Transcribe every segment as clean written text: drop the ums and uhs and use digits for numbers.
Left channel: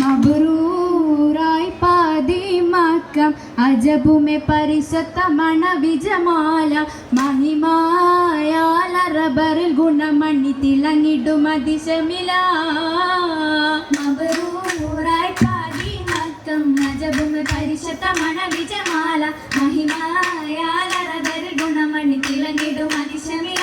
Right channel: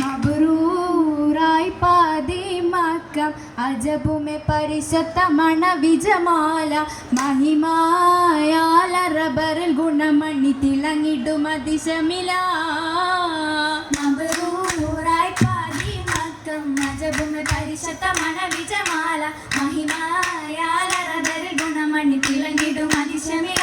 മബ്റൂറായി പാതിമക്കം അജബുമെ പരിശുദ്ധമണ വിജമാല മഹിമായാൽ അറബറിൽ ഗുണമണി തിളങ്ങിടും അതിശമില. മബ്റൂറായി പാതിമക്കം അജബുമെ പരിശുദ്ധമണ വിജമാല മഹിമായാൽ അറബറിൽ ഗുണമണി തിളങ്ങിടും അതിശമില.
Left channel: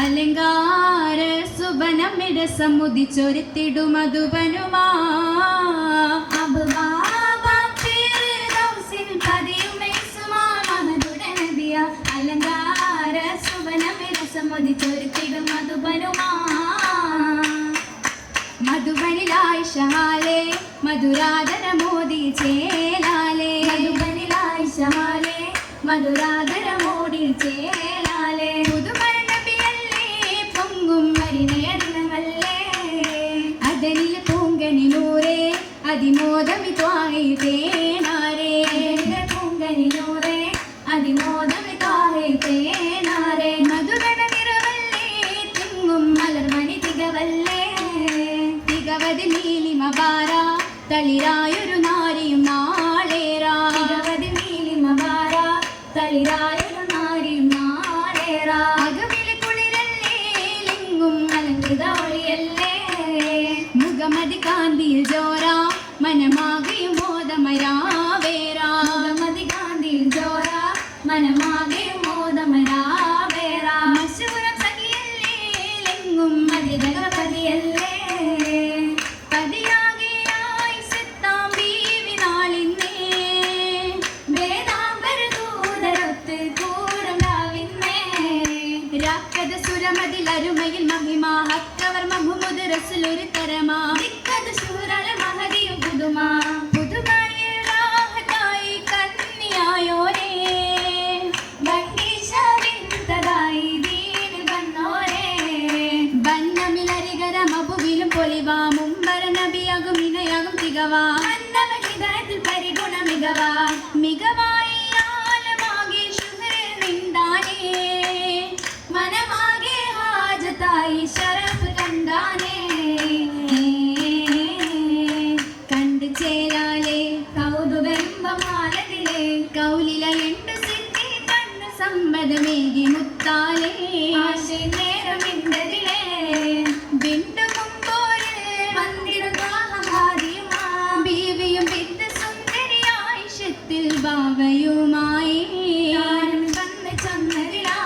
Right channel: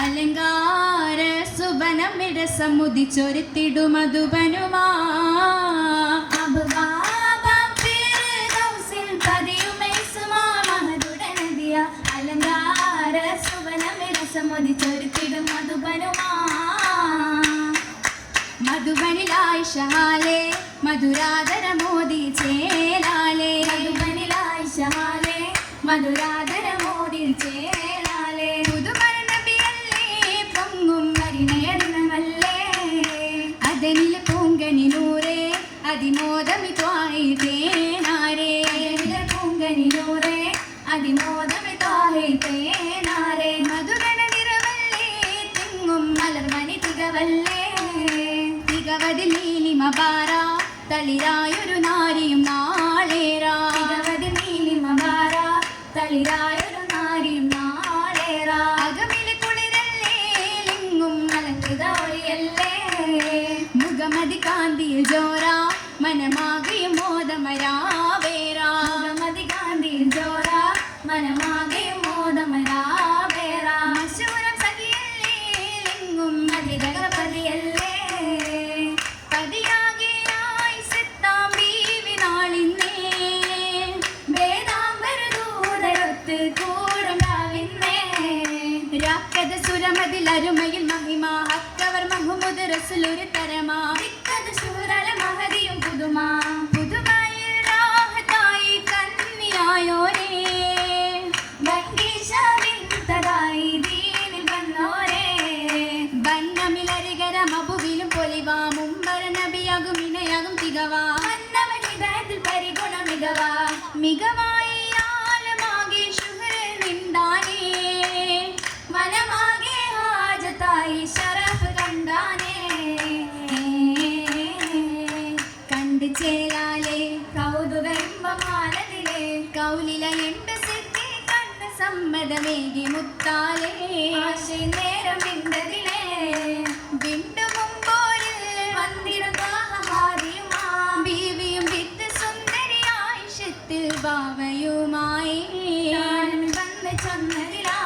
അലങ്കാര സുബനമിട സമുദിച്ചൊരുത്തിടു മധുബനുമാ. അലങ്കാര സുബനമിട സമുദിച്ചൊരുത്തിടും മധുബനുമാ. മധുബനിലായി ഷഹാലേ മധുരാധര മോദി ചേലാലേ. മധുബനിലായി ഷഹാലേ മധുരാധര മോദി ചേലാലേ. അതനിൽ പൂങ്കണിലൂറേ അതിമോദമിത്വായി തേനാരേ. പൂങ്കണിലൂറേ അതിമോദമിത്വായി തേനാരേ. മധുബനനിറവല്ലേ തെങ്ങും മലർമണി തികവല്ലേ. തികവതി നീലിമബാര തളിരായൊരു നാരിയും മാളേരാ. തികവതി നീലിമബാര തളിരായൊരു നാരിയും മാളേരാ. അകമിളി കുളിരല്ലേ ലിംഗും അലങ്കൃതയൊളിയല്ലേ. മുഖമതി കാന്തിയിൽ ജോറ മനമാകെയും മോദമരാവേറാ. മുഖമതി കാന്തിയിൽ ജോറ മനമാകെയും മോദമരാവേറാ. മശൂരം സഖിയല്ലേ ലെങ്ങും മതിരകപതിയല്ലേ. പതിയാകെയായി സിത്താം ബീവി നാളിന്നേ. വേദാംബരദൂതരൊത്ത് കൂടം രാവിന്നേ. രാക്കത സുരമതിലരുമയിൽ മഹിമ ഹക്കവർ മഹ്മൂദ് റസൂലൊരു തരമാ. ദിക്കത് സൂരള മഹദിയും പുതുമാ. പുതുമയിൽ രാഹത്തായി കന്നിയായോരേ. വണ്ടീശാവിന്തതായി ദീനിൽ വന്നോരേ. ബന്നമിലരികര മബുവിലും പൊലിവാ. മുമ്പര നബിയാകും ഇണയാകും തികവാ. അന്നമഹിതത്തിൽ പരിഗുണ മികവാ. മികവായി ആലമാകെ ശുഹ്ർ നിന്താനേ. മനമാകെ ഹാജത്തായി ശരഫ് കണ്ടാനേ. കണ്ട് ചേരാലേ കൗതുക ഇമ്പമാലതിലേ. കൗലില എണ്ട് സിദ്ധി കണ്ണ് സമ്മതമേകി മുത്താലേ. നേരമിണ്ടതിലേ വിണ്ടു മുമ്പോര് മന്ദിരമാഹാരിയുമാ. ബീവിയും വിത്ത് സുന്ദരിയായി ഷത്ത് ബാവയുമായി വന്ന് ചങ്ങരിലാ.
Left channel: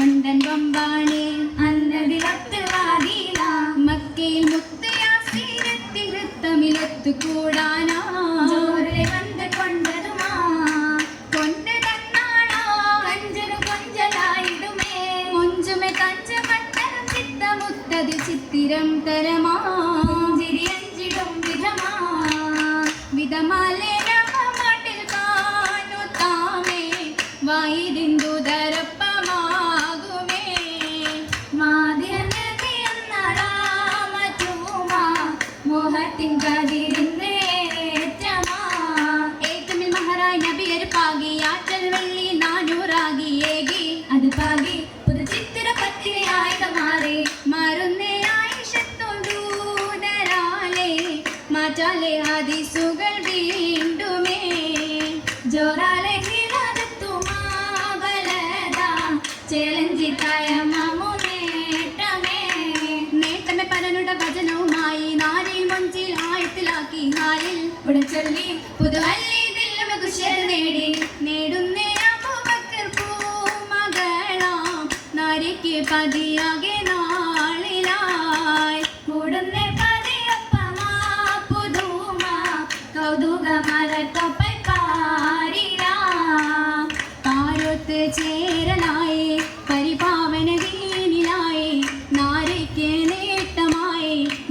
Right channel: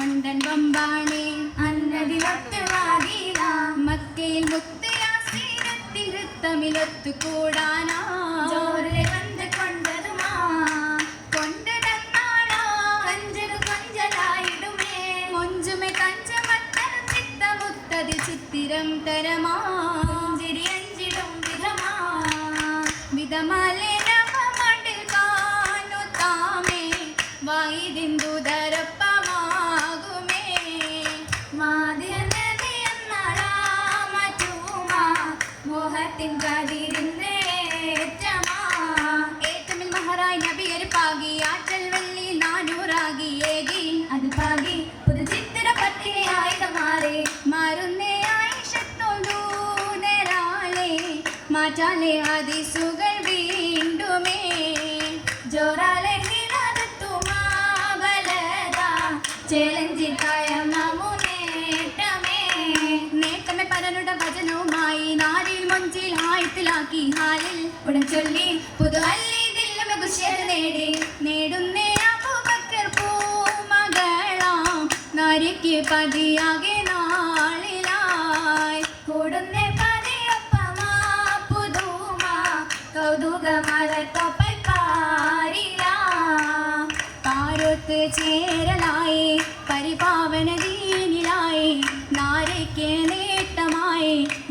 ഉണ്ടൻ ബമ്പാണേ അന്നതിലത്ത് വാതില. മക്കയിൽ മുത്തയാസീരത്തി വൃത്തമിലൊത്തു കൂടാനാ. ജോറിലെ വന്ന് കൊണ്ടതുമാ കൊണ്ട് തന്നാണോ. കഞ്ചനു കഞ്ചലായിടുമേ മുഞ്ചുമെ കഞ്ചമട്ടം ചിത്തമുത്തതി ചിത്തിരം തരമാ. ചിരി അഞ്ചിടും വിധമാ വിധമാലേ മട്ടിൽ കാണു താമേ. വായിതിന്തു ധരപ്പമാകുമേ. മോഹത്തിൻ കതിരിന്നേറ്റമാ. ഏറ്റമിൽ മഹറായി നബിയർ പാകി. ആറ്റൽ വെള്ളി 400 ഏകി. അത് പാകി പുതു ചിത്തിര പത്തിരിയായി മാറി. മാറുന്നേ ആയിഷത്തോണ്ടൂതരാലേ. മാറ്റാലേ ഹദീസുകൾ വീണ്ടുമേ. ജോറാലെ ഹിദാദത്തുമാ ബലദാ. ചേലഞ്ചിതായ മമുനേറ്റമേ. നേട്ടമേ പരനുടെ ഭജനവുമായി നാരി മഞ്ചിൽ ആയത്തിലാക്കി. ഹാലിൽ ഉടൻ ചൊല്ലി പുതുഹല്ലി ദില്ലമ കുശിയർ നേടി. നേടുന്നേ അബൂബക്കർ പൂമകളാം. നാരിക്ക് പതിയാകെ നാളിലായി. കൂടുന്നേ പതിയൊപ്പമാ പുതുമാ. കൗതുകമല